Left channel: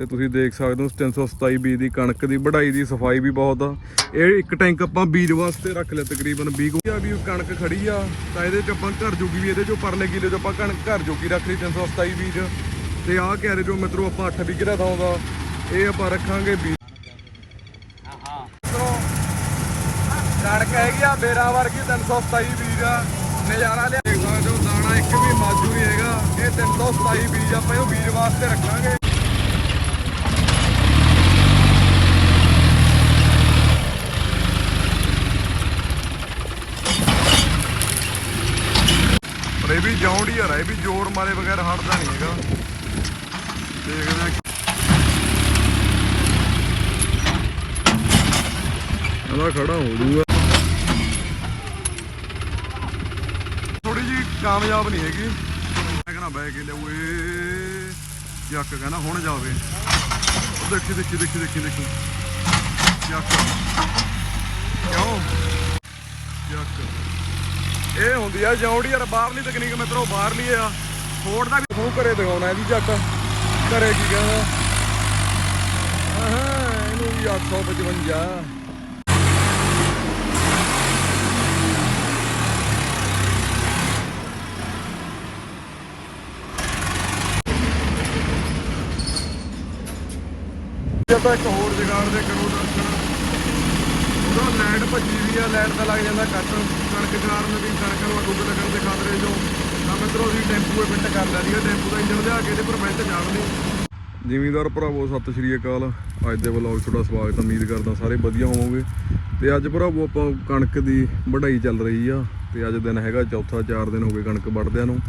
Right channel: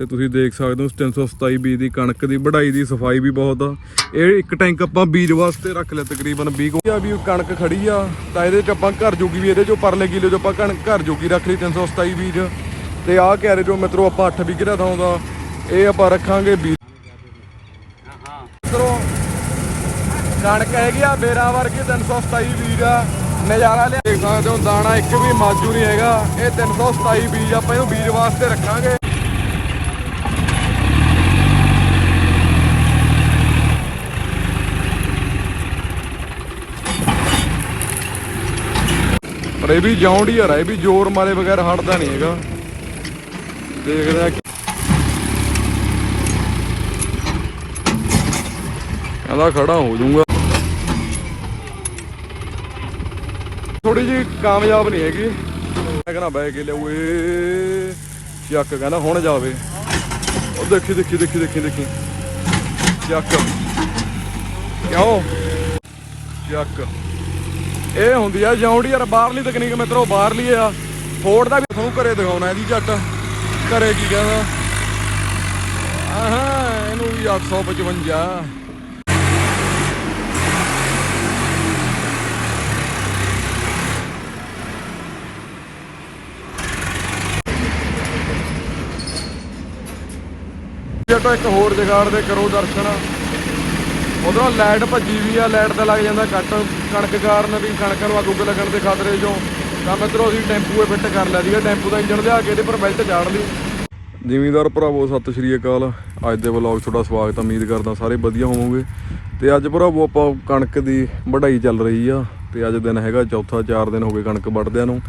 ਤੇ ਤੁਸੀਂ ਦੇਖ ਸਕਦੇ ਹੋ 327 ਬੀਜ ਦੀ ਕਣਕ ਦੀ, ਵਢਾਈ ਦੀ, ਸਫ਼ਾਈ ਵੀ ਬਹੁਤ ਆ। ਇਹ ਇੱਕ ਟੈਂਕ ਆਪਾਂ ਬੀਜ ਵਾਸਤੇ ਰੱਖ ਲਿਆ ਤਕਰੀਬਨ 20 ਆ ਵੀ ਕਣਕ ਖੜੀ ਆ, ਤਾਂ ਇਹਦੇ ਚ ਆਪਾਂ ਘਰ ਜੋਗੀ ਵੀ ਇਹਦੇ ਚੋਂ ਪਰਲੇ ਕਿਲੇ ਚੋਂ ਆਪਾਂ ਕਣਕ ਘਰ ਜੋਗੀ ਰੱਖ ਲਈ 327 ਬੀਜ। ਤੇ ਆਹ ਕੈਰੇ ਚੋਂ ਮਿੱਤਰੋ ਆਪਾਂ 8 ਵਿਗੇ ਦਊਂਗਾ ਇਹ ਆਪਾਂ ਰੱਖਾਂਗੇ ਬੀਜ ਕਣਕ ਹੈਗੀ ਆ ਮੇਰਾ ਵਰਗੀ 327 ਬੀਜ ਆ, ਨਜ਼ਾਰਾ ਲਿਆ। ਦੇਖ ਸਕਦੇ ਹੋ, ਦਾਣਾ ਇੱਕ ਵੀ ਮਾਜੂ ਨਹੀਂ ਹੈਗਾ, ਇਹ 327 ਬੀਜ ਆਪਾਂ ਇਹਨੂੰ ਬੀਜ ਵਾਸਤੇ ਰੱਖਾਂਗੇ। ਪਰ ਇਹ ਵੀ ਜੌਂਡ ਹੀ ਆ ਇਹ ਵੀ ਜ਼ੋਰ ਮਾਰੇ ਬਗੈਰ ਹਟਦਾ ਨਹੀਂ ਹੈਗਾ। ਦੇਖਦੇ ਆ ਇਹਦਾ ਖੜਾ ਹੋ ਜਾਊਗਾ। ਥੋੜੀ ਜੀ ਕਾਮਯਾਬ ਨਹੀਂ ਹੈਗੀ। ਮੈਂ ਕਹਿੰਦਾ ਬੈ ਕੇ ਲਿਆਉਏ ਚੱਕ, ਕਹਿੰਦਾ ਹੁਣ ਜਾਵੇ। ਉਹ ਦੇਖੀ ਦੇਖੀ ਦੇਖੀ ਦੇਖੀ ਦੇਖੀ। ਚੱਕ। ਕਿਉਂ? ਚੱਕ। ਇਹ ਹੁੰਦੀ ਆ ਜੌਂਡੀ ਯਾਰ ਬਾਹਰਲੀ ਤਕਨੀਕ ਮਿੱਤਰੋ, ਬਾਹਰਲੀ ਆ। ਫੋਰਡ ਦਾ ਵੀ ਤੁਹਾਨੂੰ ਘਰੇ ਦਿਖਾਉਣਾ ਇਹਦੀ ਚੱਕ ਘਰੇ ਕੀ ਕਹਿੰਦਾ? ਆਹਾਂ, ਇਹਨੂੰ ਵੀ 855 ਹੋਰ ਜਗਾੜ ਦੇ ਕਰੋ ਦਰਸ਼ਨ। ਉਧਰੋਂ ਲਾਈਟ ਭੱਜੀ ਵੀ ਆ, ਲਾਈਟ ਤੇ ਲੱਗ ਜਾਂਦਾ ਕੱਟ ਕਣਕ ਕਾਰਨ ਵੀ ਕਣਕ ਨੂੰ ਅੱਗ ਲੱਗਣ ਦੇ ਖਤਰੇ ਚੋਂ। ਤਾਂ ਮਿੱਤਰੋ, ਅਸੀਂ ਟੈਂਪੂ ਫਿੱਟ ਕਰ ਲਿਆ ਸੀਗਾ। ਟੈਂਪੂ ਦਾ ਇੰਜਣ ਲਿਆ ਕੇ ਇਹਦੇ ਪਰ ਬੈਲਟ ਚਾੜ ਲਈ। ਜ਼ਿਮੀਂਦਾਰ ਭਰਾਵੋ, ਸਤਿ ਸ਼੍ਰੀ ਅਕਾਲ। ਅੱਜ ਦੇ ਵਲੌਗ ਤੁਹਾਡਾ ਸਵਾਗਤ ਉਮੀਦ ਕਰਦਾ ਸਾਰੇ ਵਧੀਆ ਹੋਵੋਗੇ। ਤੇ ਅੱਜ ਭਰਾਵੋ, ਆਪਾਂ ਕਣਕ ਦੀ ਵਢਾਈ ਚੱਲ ਰਹੀ ਆ। ਤੇ ਅੱਜ ਦਿਨ ਹੈਗਾ ਚੌਥਾ 4 ਦਿਨ ਹੋ ਗਏ ਕਣਕ ਵੱਢਦਿਆਂ ਨੂੰ।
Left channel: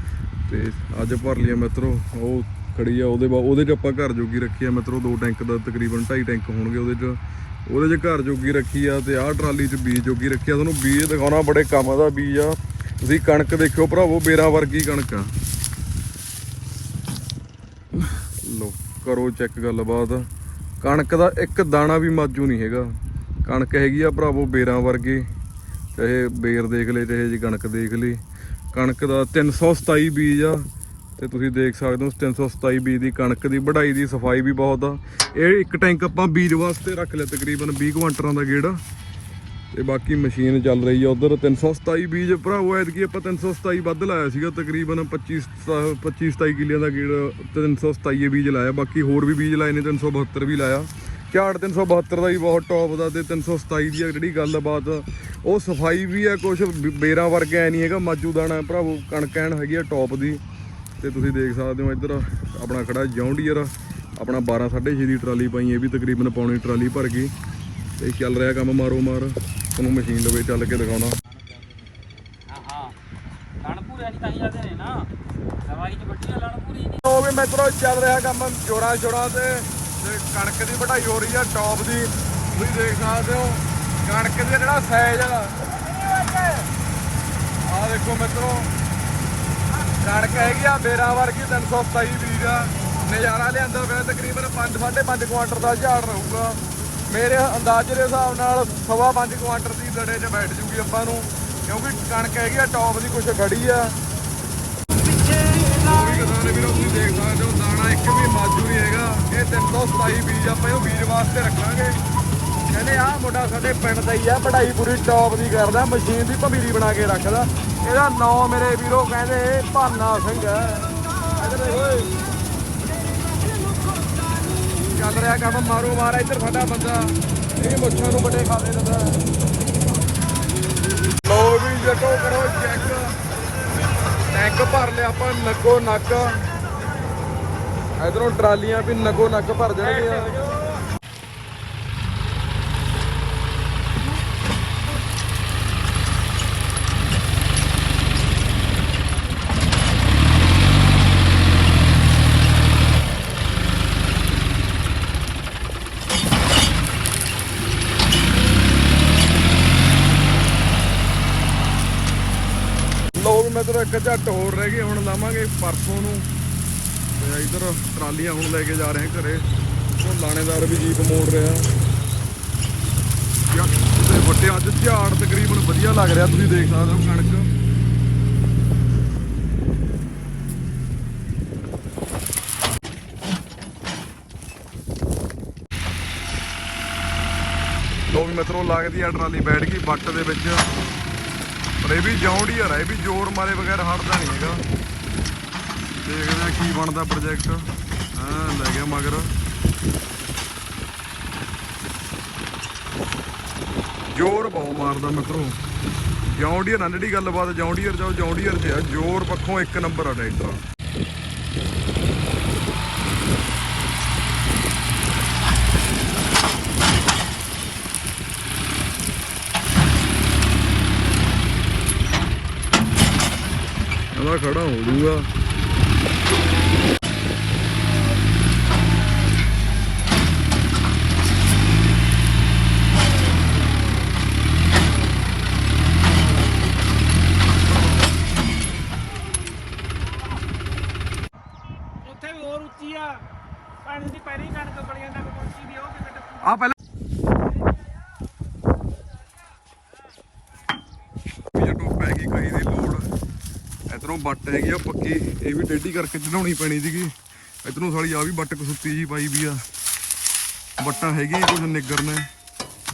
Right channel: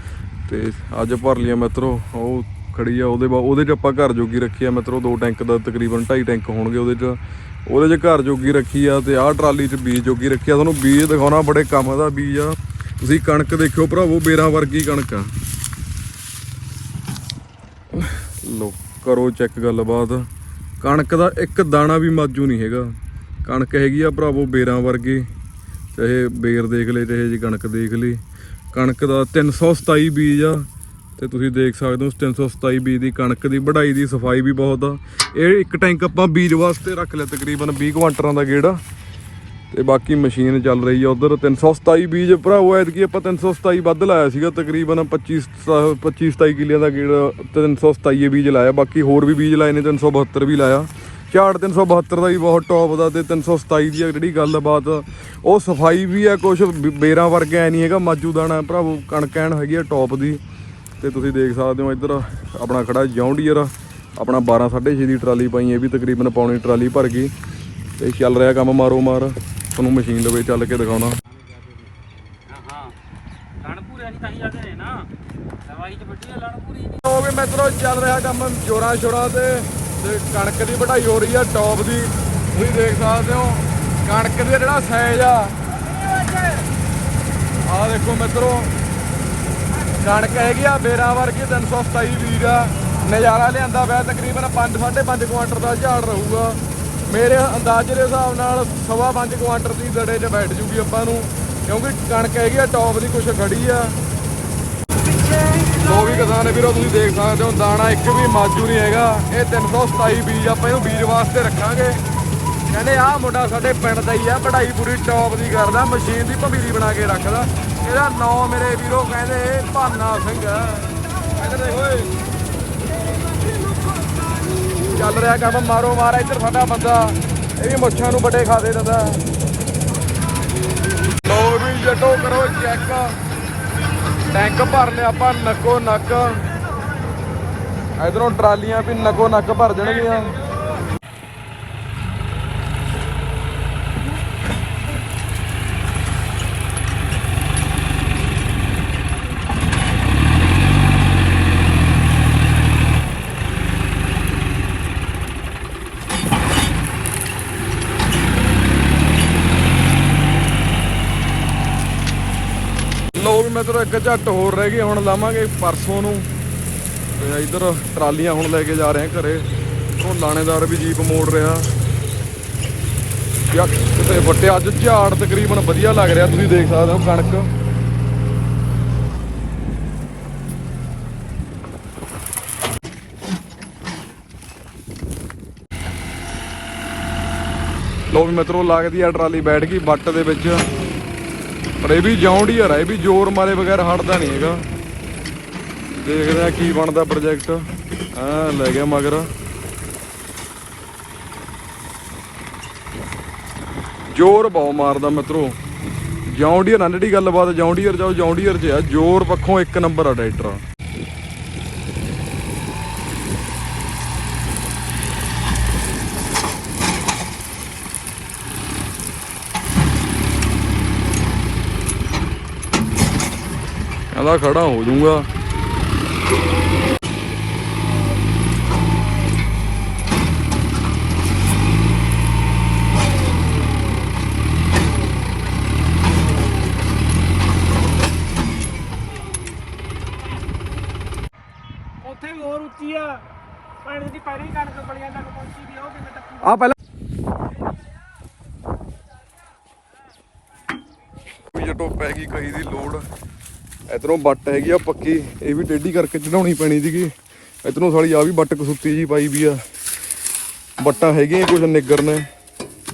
ਤੇ ਅੱਜ ਭਰ ਲਿਆ ਮਿੱਤਰੋ, ਉਹ ਖੜੀ ਆ, ਉਹਦੇ ਬਾਅਦ ਉਹਦੇ 'ਚ ਆਪਾਂ ਘਰ ਜੋਗੀ ਰੱਖੀ ਆ ਮਿੱਤਰੋ ਦੋ ਟੈਂਕ ਦਾ ਤਕਰੀਬਨ 2.5 ਟੈਂਕ ਹੋਣਗੇ ਉਹਦੇ 'ਚ। ਉਹਦੇ 'ਚ ਘਰ ਜੋਗੀ ਰੱਖੀ ਆ ਤੇ ਆਹ ਟਰਾਲੀ 'ਚ ਬੀਜ ਜੋਗੀ ਰੱਖੀ ਆ। ਤੁਹਾਨੂੰ ਬੀਜ ਦਿਖਾਉਣਾ, ਬੜੇ ਕੰਮ ਦਾ ਬੀਜ ਆ। ਤੁਸੀਂ ਕਣਕ ਦੇਖਿਓ ਭਰਾਵੋ, ਬੇਰਾਂ ਵਰਗੀ ਕਣਕ ਆ। ਲੋ ਕਰੋ ਚੈੱਕ ਗੱਲਬਾਤ। ਕਣਕ ਦਾ ਇੱਕ ਦਾਣਾ ਵੀ ਮਾਜੂ ਨਹੀਂ ਹੈਗਾ। ਕਣਕ ਹੈਗੀ ਆ ਭਰਾਵੋ ਬੇਰਾਂ ਵਰਗੀ। ਚਾਹੇ ਬੇਰ ਦੇਖ ਲੈ, ਚਾਹੇ ਜੀ ਕਣਕ ਦੇਖ ਲਈ ਕਣਕ ਦਾ 327 ਬੀਜ ਆ। ਤੇ ਤੁਸੀਂ ਦੇਖ ਸਕਦੇ ਹੋ 327 ਬੀਜ ਦੀ ਕਣਕ ਦੀ, ਵਢਾਈ ਦੀ, ਸਫ਼ਾਈ ਵੀ ਬਹੁਤ ਆ। ਇਹ ਇੱਕ ਟੈਂਕ ਆਪਾਂ ਬੀਜ ਵਾਸਤੇ ਰੱਖ ਲਿਆ ਤਕਰੀਬਨ 20 ਕੁਆਂਟਰਾਂ ਦਾ ਗੇੜਾ। ਤੇ ਬਾਕੀ ਮਸ਼ੀਨ ਚੱਲ ਰਹੀ ਆ ਉਧਰ। 327 ਬੀਜ ਭਰਾਵੋ ਐਤਕੀ ਆਪਾਂ 327 ਵੱਧ ਲਾਇਆ ਸੀਗਾ, ਤਕਰੀਬਨ 25 25 27 ਕਿੱਲਿਆਂ ਦਾ ਗੇੜਾ 327 ਬੀਜ ਲਾਇਆ। ਬਾਕੀ ਹੋਰ ਵੀ ਬੀਜ ਲਾਏ ਨੇ 372 ਵੀ ਲਾਇਆ। ਝਾੜ 372 ਦਾ ਵੀ ਬਹੁਤ ਟੌਪ ਦਾ ਤੇ 327 ਦੀ ਆ ਜਿਹੜੀ ਗੱਲਬਾਤ। ਉਹ ਸਫ਼ਾਈ ਵੀ ਆ ਕੁਝ ਬੇਰਾਂ ਵਰਗਾ ਐ ਨਹੀਂ ਹੈਗਾ ਮਾਜੂ ਦਾਣਾ ਭਰਾਵੋ ਕਣਕ ਐਨ ਹੈਗੀ ਆ ਟੌਪ ਦੀ। ਤੇ ਤੁਸੀਂ ਦੇਖ ਸਕਦੇ ਹੋ ਇੱਧਰ ਆਪਣਾ ਖੜਾ ਜੌਂਡੀਅਰ, ਆਪਣਾ 12 6.5 ਦੀ ਟਰਾਲੀ ਪਾਈ ਇਹ ਵੀ ਤਕਰੀਬਨ ਪੌਣੀ ਟਰਾਲੀ ਭਰ ਗਈ। ਤੇ ਚੱਲ ਰਿਹਾ ਕੰਮ ਮਾਰੋ ਮਾਰ, ਤੁਹਾਨੂੰ ਮਸ਼ੀਨ ਲਵੇ ਚੱਲ ਕੇ ਦਿਖਾਉਣਾ। ਮਿੱਤਰੋ, ਚੱਲ ਰਿਹਾ ਕੰਮ ਜੋਰਾਂ ਸ਼ੋਰਾਂ ਤੇ ਕਣਕ ਦੀ ਵਢਾਈ ਹੋ ਰਹੀ ਆ, ਟੌਪ ਦੀ। ਤੁਸੀਂ ਦੇਖ ਸਕਦੇ ਹੋ, ਕਣਕ ਦੇ ਜਿਹੜਾ ਸਾਈਜ਼ ਆ। ਆਹ ਦੇਖੋ ਮਿੱਤਰੋ ਕਣਕ ਹੈਗੀ ਆ ਮੇਰਾ ਵਰਗੀ 327 ਵੀਰ ਆ। ਨਜ਼ਾਰਾ ਲਿਆਂਦਾ ਪਿਆ, ਤਕਰੀਬਨ 5 5.5 ਕੁਆਂਟਲ ਦਾ ਝਾੜ ਰਹੂਗਾ। ਮੇਰੇ ਅੰਦਾਜ਼ੇ ਦੇ ਹਿਸਾਬ ਨਾਲ ਸਵਾ 5 ਕੁਆਂਟਲ ਦੀ ਦੜੇ 'ਚ ਬੈਠ ਜੂਗੀ ਆਪਾਂ ਨੂੰ, ਕਿਉਂਕਿ ਕਣਕ ਹੈਗੀ ਆ, ਟੌਪ ਦੀ ਕੁਛ ਖੜੀ ਆ। ਉਹ ਵੀ ਕਿਸਾਨ ਵੀਰੋ, ਤੁਸੀਂ ਦੇਖ ਸਕਦੇ ਹੋ, ਦਾਣਾ ਇੱਕ ਵੀ ਮਾਜੂ ਨਹੀਂ ਹੈਗਾ। ਇਹ 327 ਬੀਜ ਆਪਾਂ ਇਹਨੂੰ ਬੀਜ ਵਾਸਤੇ ਰੱਖਾਂਗੇ। ਕਹਿੰਦੇ ਆਹ ਮੁੰਡਾ ਸਾਡੇ ਪਿੰਡ ਦਾ ਹੀ ਆ ਪੜਾਈ ਪੂਰੀ ਟੌਪ ਦੀ ਕਰਦਾ, ਮਸ਼ੀਨ ਦੀ ਭਵੀਰੀ ਬਣਾ ਕੇ ਰੱਖਦਾ। ਇਹਦਾ ਨਾਂ ਮੇਰੇ ਵੀਰੋ ਕਹਿੰਦੇ ਭਾਨਾ ਸਿੰਘ ਚੱਲ ਰਿਹਾ ਕੰਮ, ਮਾਰੋ ਮਾਰਾ, ਇੱਧਰ ਸਾਡਾ ਬੰਦਾ। ਇਹ ਵੀ ਮੁੱਛਾਂ ਨੂੰ ਵੱਡੇ ਖਾ ਦੇ ਦਿੰਦਾ ਉਹ ਵੀ ਜੱਟੋ ਕਰੋ ਚੈੱਕ ਟੈਂਕ ਭਰ ਲਿਆ ਆਪਾਂ, ਨੱਕੋ ਨੱਕ। ਇਧਰੋਂ ਟਰਾਲੀਆਂ ਤੇ ਨੱਕੋ ਨੱਕ ਭਰ ਜਾਣਗੀਆਂ ਇੱਕ ਝੱਟ ਹੋਰ ਰਹਿ ਗਏ, ਹੁਣ ਲਾਵਾਂਗੇ ਪਰਸੋਂ ਨੂੰ। ਤੇ ਇਧਰ ਟਰਾਲੀਆਂ ਹੁਣ ਲੈ ਕੇ ਜਾ ਰਹੇ ਆ ਘਰੇ। ਉਹ ਲਾਣੇਦਾਰ ਵੀ ਜੀਪ ਮੋੜ ਰਿਹਾ ਯਾ ਤੇ ਵੱਟੇ ਅੱਜ ਝਾੜ ਤਕਰੀਬਨ ਵਧੀਆ ਲੱਗ ਰਿਹਾ, ਤੁਸੀਂ ਦੇਖ ਸਕਦੇ ਹੋ ਕਣਕ। ਲੋ ਵੀ ਮਿੱਤਰੋ, ਲੱਗਦੀ ਆ ਟਰਾਲੀ ਬੈਠ ਗਈ ਬੱਟ ਦੇ ਵਿੱਚ। ਪਰ ਇਹ ਵੀ ਜੌਂਡੀਅਰ ਆ ਇਹ ਵੀ ਜ਼ੋਰ ਮਾਰੇ ਬਗੈਰ ਹਟਦਾ ਨਹੀਂ ਹੈਗਾ। ਦੇਖਦੇ ਆ ਕੀ ਬਣਦਾ ਪ੍ਰੋਜੈਕਟ ਆ ਲੈ ਗਿਆ ਮਗਰ। ਜ਼ੋਰ ਬਹੁ ਮਾਰਦਾ ਮਿੱਤਰੋ। ਜੌਂਡੀਅਰ ਨਾਲ ਜਿਹੜੀ ਗੱਲਬਾਤ ਜੌਂਡੀਅਰ ਜਾਓ, ਜੌਂਡੀਅਰ 'ਚ ਆ, ਜ਼ੋਰ ਪੱਖੋਂ ਇੱਕ ਨੰਬਰ ਆ ਟਰੈਕਟਰ ਕਹਿੰਦਾ ਖੜਾ ਹੋ ਜਾਊਗਾ। ਉੱਥੇ ਵੀ ਹੋਰ ਉੱਚੀ ਆ। ਪਾਣੀ ਦੀ ਪਹਿਲੀ ਕਣਕ ਬਲੀਆਂ ਤੱਕ ਪਹੁੰਚੀ ਦੀ ਉਹ ਕਿਵੇਂ ਟੱਪੂ? ਆ ਪਹਿਲਾਂ ਵੀ ਜਟੋ ਪੈ ਗਈ ਕਹੀ ਦੀ ਲੋੜ ਇਧਰੋਂ ਬੱਟ ਹੈਗੀ ਆ ਪੱਕੀ ਇਹ ਵੀ ਟੇਢੀ ਕਰਕੇ ਚੜਾਉਣੀ ਪੈਣੀ ਸੀਗੀ। ਇਧਰੋਂ ਸਾਲੀ ਆ ਵੀ ਬੱਟ ਕਸੁੱਤੀ ਜੀ ਪਾਈ ਵੀ ਆ। ਬੱਟਾਂ ਹੈਗੀਆਂ ਕੁਝ ਨਿੱਗਰ ਨੇ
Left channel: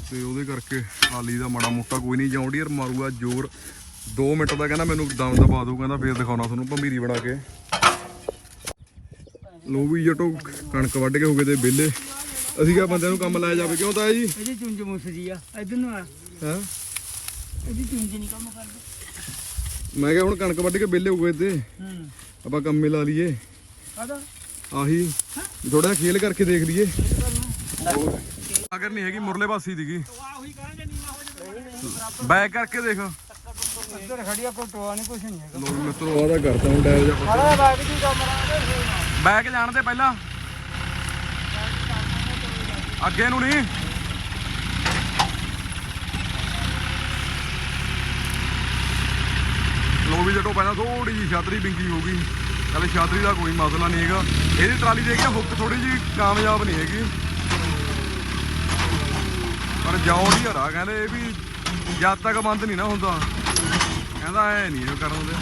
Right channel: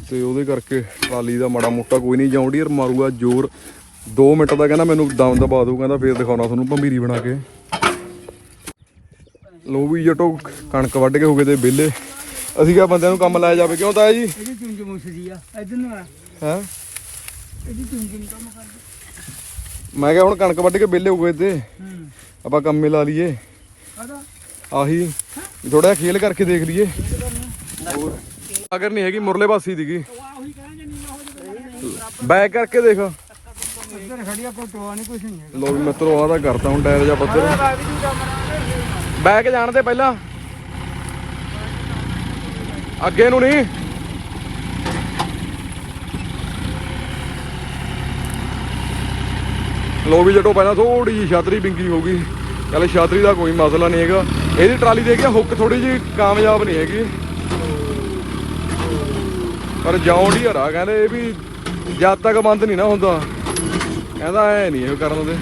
ਤੇ ਉਹਦੇ ਕਰਕੇ ਟਰਾਲੀ ਦਾ ਮਾੜਾ ਮੋਟਾ ਕੋਈ ਨਹੀਂ ਜੌਂਡੀਅਰ ਮਾਰੂਗਾ ਜ਼ੋਰ। 2 ਮਿੰਟ ਦਾ ਕਹਿੰਦਾ ਮੈਨੂੰ ਦਮ ਦਬਾ ਦੂ ਕਹਿੰਦਾ ਫੇਰ ਦਿਖਾਉਣਾ ਤੁਹਾਨੂੰ ਭੰਬੀਰੀ ਬਣਾ ਕੇ। ਲੋ ਵੀ ਜਟੋ ਕਣਕ ਵੱਢ ਕੇ ਹੋ ਗਏ ਤੇ ਵਿਹਲੇ। ਅਸੀਂ ਕਿਹਾ ਬੰਦਿਆਂ ਨੂੰ ਕੰਮ ਲਾਇਆ ਜਾਵੇ ਕਿਉਂ ਤਾਇਆ ਜੀ? ਇਹਦੀ ਚੁੰਝ ਮੁਸਦੀ ਆ ਇਧਰ ਨੂੰ ਆ। ਹੈ? ਇਹਦੀ ਚੁੰਝ ਨਹੀਂ ਕੰਮ ਕਰਦੀ। ਮੈਂ ਕਿਹਾ ਹੁਣ ਕਣਕ ਵੱਢ ਕੇ ਵਿਹਲੇ ਹੋ ਗਏ ਤੇ। ਹੂੰ। ਆਪਾਂ ਕੰਮੇ ਲਾ ਲਈਏ। ਆਦਾ ਆਹੀ। ਥੋੜਾ ਖੇਲ ਕਰਕੇ ਦੇਖ ਲਈਏ। ਅਗਰ ਨਹੀਂ ਹੈਗੀ ਮੁਰਲੇ ਪਾਸੀ ਦੀਗੀ ਬੈਕ ਕਰਕੇ ਦੇਖ। ਇੱਧਰ ਖੜੀਆਂ ਫੋਟੋਆਂ ਨਹੀਂ ਕੁਝ ਨਹੀਂ ਹੈ ਲੋ ਵੀ ਮਿੱਤਰੋ ਆਦਾ ਕਰਤਾ ਹੁਣ ਟਾਇਰ ਜਾਂ ਪੱਤਰ ਬੈਕ ਜਾਣ ਦੇ ਪਹਿਲਾਂ। ਅੱਗੇ ਨੂੰ ਨਹੀਂ। ਲੋ ਵੀ ਜਟੋ, ਪਹਿਲਾਂ ਥੋੜੀ ਜਿਹੀ ਛਾਤਰੀ ਬਿੰਗੀ ਹੋ ਗਈ। ਚੱਲ ਛਾਤਰੀ ਦਾ ਕੋਈ ਮਸਲਾ ਨਹੀਂ ਹੈਗਾ। ਇਹਦੀ ਟਰਾਲੀ ਦੇ ਗਿਆ ਹੁੱਕ ਥੋੜੀ ਜਿਹੀ ਕਾਮਯਾਬ ਨਹੀਂ ਹੈਗੀ। ਪਰ ਜਾਉਣ ਹੀ ਹਰਾ ਕਹਿੰਦੇ ਇਹ ਵੀ ਜਦ ਤੱਕ ਬੰਦ ਨਹੀਂ ਨਾ ਹੁੰਦਾ। ਕਹਿੰਦਾ ਐ ਨਹੀਂ ਇਹ ਕਰਨ ਦੇ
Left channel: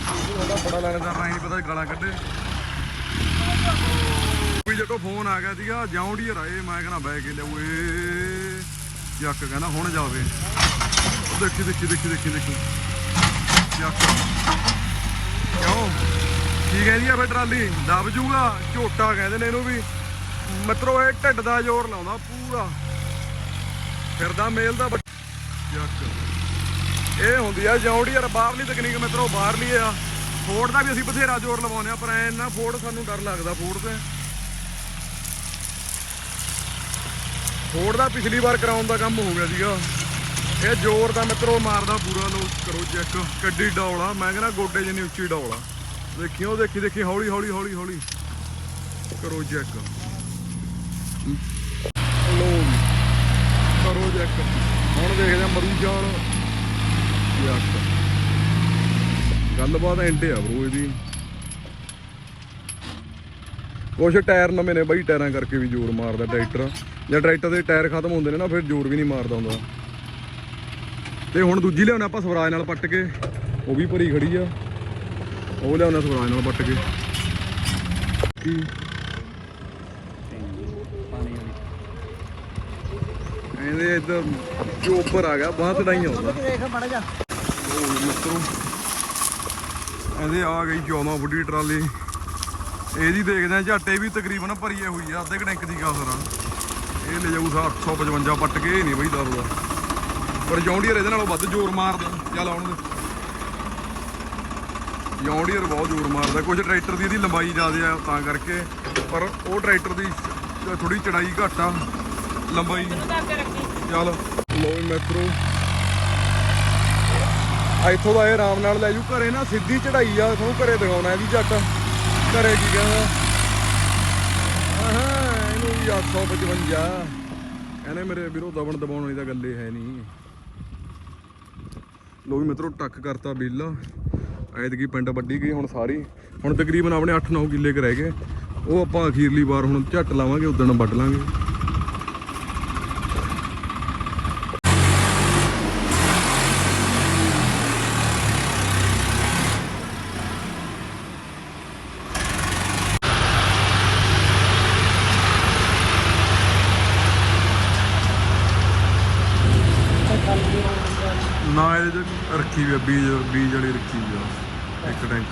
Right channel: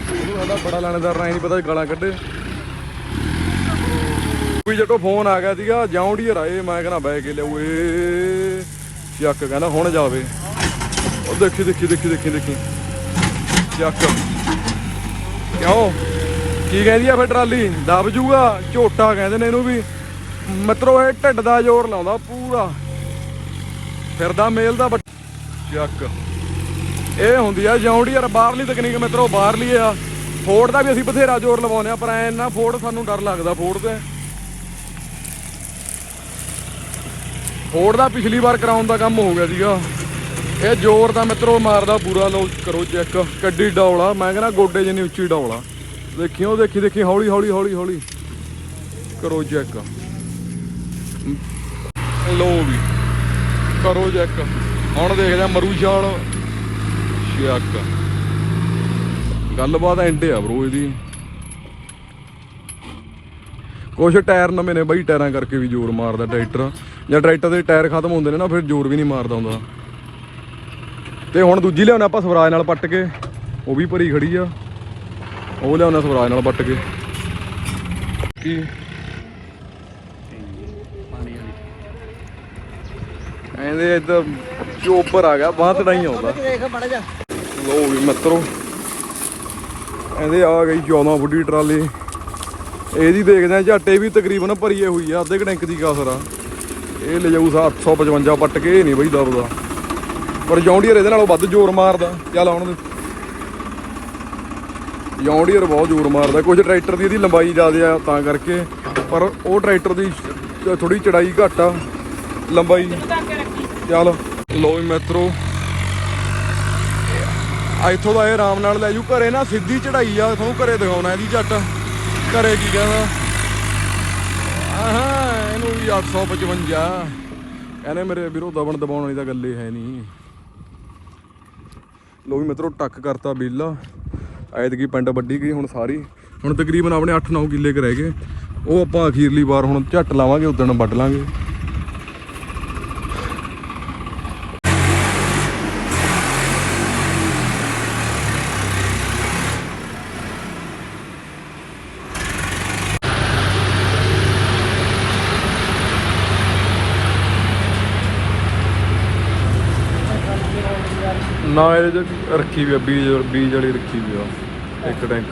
ਲਾਣੇਦਾਰ ਨਹੀਂ ਪਤਾ ਗਾਲਾਂ ਕੱਢੇ। ਕੋਈ ਜਟੋ, ਫੋਨ ਆ ਗਿਆ ਸੀਗਾ ਜਾਉਂਡੀ ਹਰਾਏ ਮੈਂ ਕਹਿੰਦਾ ਬੈ ਕੇ ਲਿਆਓ ਏ ਚੱਕ ਕਹਿੰਦਾ ਹੁਣ ਜਾਵੇ। ਉਹ ਦੇਖੀ ਦੇਖੀ ਦੇਖੀ ਦੇਖੀ ਦੇਖੀ। ਚੱਕ। ਕਿਉਂ? ਕੀ ਕਹਿੰਦੀ ਆ ਫਿਰ ਟਰਾਲੀ? ਦਬ ਜੂਗਾ, ਝੋਟਾ ਕਹਿੰਦੇ ਨੇ ਇਹਨੂੰ ਵੀ। ਮਿੱਤਰੋ, ਇਹ ਢਿੱਡ ਦਾ ਜ਼ੋਰ ਲਾਉਂਦਾ ਪੂਰਾ। ਫਿਰਦਾ ਮੇਲ ਦਾ ਚੱਕ। ਇਹ ਹੁੰਦੀ ਆ ਜੌਂਡੀ ਯਾਰ, ਬਾਹਰਲੀ ਤਕਨੀਕ ਮਿੱਤਰੋ, ਬਾਹਰਲੀ ਆ। ਫੋੜ ਦਾ ਵੀ ਅਸੀਂ ਬਥੇਰਾ ਜ਼ੋਰ ਲਵਾਉਂਦੇ ਆ, ਪਰ ਐ ਨਾ ਫੋੜ ਸਾਨੂੰ ਡਰ ਲੱਗਦਾ ਫੋੜ ਤੇ। ਫੋੜ ਦਾ ਪਿਛਲੀ ਵਾਰ ਕਰਾਉਣ ਦਾ ਕੰਮ ਹੋ ਗਿਆ ਸੀਗਾ। ਇਹ ਜ਼ੋਰ ਦਾ ਮਿੱਤਰੋ ਮਾਰਦਾ ਪੂਰਾ ਲੋ ਕਰੋ ਚੈੱਕ। ਕੱਡੀ ਡੌਲਾ, ਮੈਂ ਕਹਿੰਦਾ ਗੋਡੇ ਜਿੰਨੀ ਉੱਚੀ ਡੌਲਾ। ਦੇਖਿਓ ਦੇਖੀ ਦੇਖੀ, ਹੌਲੀ ਹੌਲੀ ਹੌਲੀ ਹੌਲੀ। ਕਰੋ ਚੈੱਕ। ਲੋ ਵੀ, ਕਰੋ ਚੈੱਕ। ਹੁਣ ਦੇਖਦੇ ਆ ਮਰੂ ਜਾਲ। ਚੱਕ। ਗੱਲਬਾਤ ਐਂਡ ਆ ਬ్రో ਇਹਦੀ। ਕੁਛ ਟਾਇਰ ਨਵੇਂ ਨੇ ਬਈ, ਟਾਇਰਾਂ ਕਰਕੇ ਵੀ ਜ਼ੋਰ ਮਾਰਦਾ ਟਰੈਕਟਰ। ਜਾਂ ਟਰੈਕਟਰ ਦੇ ਟਾਇਰ ਖਤਮ ਹੁੰਦੇ ਨੇ ਨਾ, ਫਿਰ ਜ਼ੋਰ ਵੀ ਨਹੀਂ ਮਾਰਦਾ ਹੁੰਦਾ। ਤੇ ਹੁਣ ਦੂਜੀ ਲਿਆਉਣਾ ਆਪਾਂ ਸਵਰਾਜ ਨਾਲ ਪੱਟ ਕੇ, ਉਹ ਵੀ ਭਰੀ ਖੜੀ ਆ। ਉਹ ਲਿਆਉਣਾ ਸਵਰਾਜ ਨਾਲ ਪੱਟ ਕੇ। ਕੀ? ਕਹਿੰਦੇ ਇੱਧਰ ਚੋਪਰ ਆ ਗਿਆ, ਬਾਹ ਤੜਾਈ ਆਉਂਦਾ। ਦੇਖ ਮੜਾ ਜਾ ਲੋ ਵੀ ਮਿੱਤਰੋ ਇਹਦੇ ਆ ਗਈ 14 ਫੁੱਟੀ ਟਰਾਲੀ। ਇਹਦੀ ਦੇਖਦੇ ਆ, ਝਾਟੇ ਵੀ ਤਕਰੀਬਨ ਭਰੀਏ ਹੋਈ ਆ, ਅੱਧੇ ਕੁ ਟੈਂਕ ਦੀ ਕਾਸਰ ਆ। ਇਹ ਲੈ ਜਾਊ 855 ਪੱਟ ਕੇ, ਇਹ ਨਹੀਂ ਬਈ ਦਬਦਾ। ਪਰ ਜੌਂਡੀਅਰ ਇਹਦੇ ਨਾਲੋਂ ਵੱਧ ਜ਼ੋਰ ਮਾਰਦਾ। ਚੱਲ ਆਉਣ ਦੇ। ਜੌਂਡੀਅਰ ਬਹੁਤ ਜ਼ੋਰ ਮਾਰਦਾ। ਕੁਝ ਟਰੈਕਟਰ ਦੀ ਇਹਦੀ ਲੰਬਾਈ ਜ਼ਿਆਦਾ ਆ ਤਾਂ ਕਰਕੇ। ਪਰ ਉਹ ਟਰੈਕਟਰ ਦੀ ਥੋੜੀ ਚੜਾਈ ਘੱਟ ਆ। ਲੰਬਾਈ। ਚੱਲ। ਲੋ ਵੀ ਮਿੱਤਰੋ। ਇੱਥੋਂ ਦਾ ਇਹ ਆਰਾਮ ਨਾਲ ਲੈ ਜੂ ਘਰੇ ਨਾ ਸਿੱਧੀ ਚੜਾਈ ਆ। ਤੁਹਾਨੂੰ ਘਰੇ ਦਿਖਾਉਣਾ ਇਹਦੀ ਝੱਟ। ਘਰੇ ਕੀ ਕਹਿੰਦਾ? ਆਹਾਂ, ਇਹਨੂੰ ਵੀ 855 ਕਹਿੰਦੇ ਮੇਰੇ ਵੀਰੋ ਦਬਣ ਦਬਾਉਣ ਵਾਲੀ ਤਾਂ ਗੱਲੇ ਹੈ ਨਹੀਂ। ਲੋ ਵੀ ਮਿੱਤਰੋ, ਟੱਕ ਕਰਤਾ ਬੀਲਾ। ਐਤਕੀ ਪਿੰਡ ਵੱਡੀ ਗਈ ਹੁਣ ਸਾਰੀ। ਹੁਣ ਤਕਰੀਬਨ ਆਪਣੇ 8-9 ਕਿੱਲੇ ਕ ਰਹਿ ਗਏ। ਉਹ ਆਪਾਂ ਅਖੀਰਲੀ ਵਾਰ ਹੁਣ ਝੱਟ ਲਾਵਾਂਗੇ ਉਦੋਂ ਵੱਢ ਲਾਂਗੇ। ਨਾ ਇਹਦੇ ਚ ਰੱਖੀ ਵੀ ਆ, ਬੀਜ ਬੀਜ ਵਾਲੀ ਰੱਖੀ ਵੀ ਆ। ਇੱਕ ਟੈਂਕ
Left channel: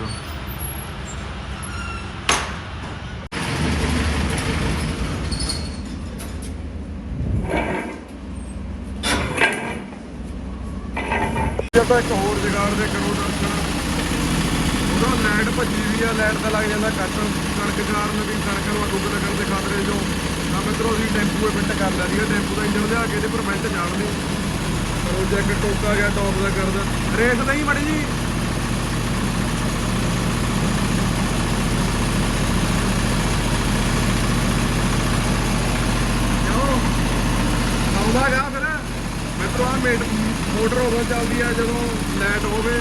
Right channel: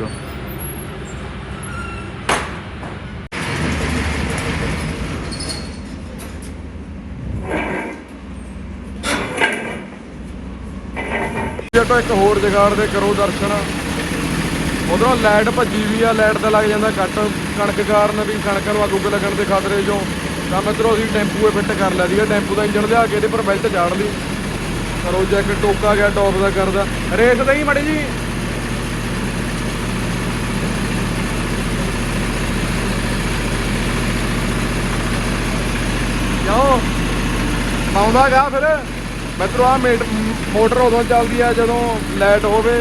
ਇੱਕ ਹੋਰ ਜਗਾੜ ਦੇ ਕਰੋ ਦਰਸ਼ਨ। ਉਧਰੋਂ ਲਾਈਟ ਭੱਜੀ ਵੀ ਆ, ਲਾਈਟ ਤੇ ਲੱਗ ਜਾਂਦਾ ਕੱਟ ਕਣਕ ਕਾਰਨ ਵੀ ਕਣਕ ਨੂੰ ਅੱਗ ਉੱਗ ਲੱਗਣ ਦੇ ਖਤਰੇ ਚੋਂ। ਤਾਂ ਮਿੱਤਰੋ, ਅਸੀਂ ਟੈਂਪੂ 'ਤੇ ਫਿੱਟ ਕਰ ਲਿਆ ਸੀਗਾ। ਟੈਂਪੂ ਦਾ ਇੰਜਣ ਲਿਆ ਕੇ ਇਹਦੇ ਪਰ ਬੈਲਟ ਜਾੜ ਲਈ। ਕਰੋ ਟੋਕਾ ਗਿਆ ਟੌਪ ਦਾ ਕਰਦਾ ਰੇਸ ਨਹੀਂ ਮੜੀ ਜੀ। ਕਿਉਂ? ਪਾਉਂਦਾ ਗਾ ਫਿਰ। ਮਿੱਤਰੋ ਆ ਮੋਟਰ ਉਦੋਂ ਚੱਲਦੀ ਆ ਜਦੋਂ ਲਾਈਟ ਹੋਵੇ।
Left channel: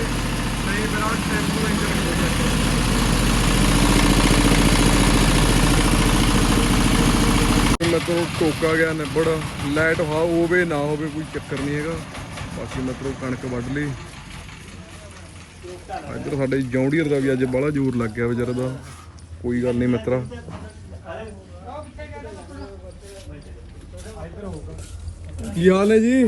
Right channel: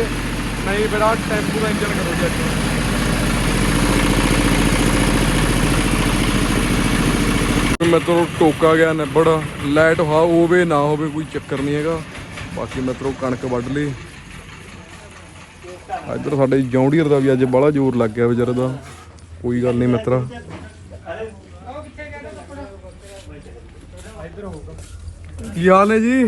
ਨਹੀਂ ਫਿਰ ਆ ਟੈਂਪੂ ਦਾ ਇੰਜਨ ਕਰੋ ਚੈੱਕ ਮਿੱਤਰੋ, ਟੋਕਾ ਗਿਆ ਨਿਬੜ। ਲਾਈਟ ਹਾ ਹੋਵੇ ਨਾ ਹੋਵੇ ਕੋਈ ਚੱਕਰ ਨਹੀਂ ਹੈਗਾ। ਬਾਕੀ ਮਿੱਤਰੋ, ਕਣਕ ਵੱਢ ਲਈ। ਇੱਧਰ ਸਾਡੇ ਜੌਂਡੀਅਰ ਦਾ ਵੀ ਅੱਜ ਬੜਾ ਜ਼ੋਰ ਲੱਗ ਗਿਆ ਵਿਚਾਰੇ ਦਾ। ਕੋਈ ਗੱਲ ਨਹੀਂ ਮਿੱਤਰਾ। ਕੀ ਹਾਲ ਹੈ ਜੀ?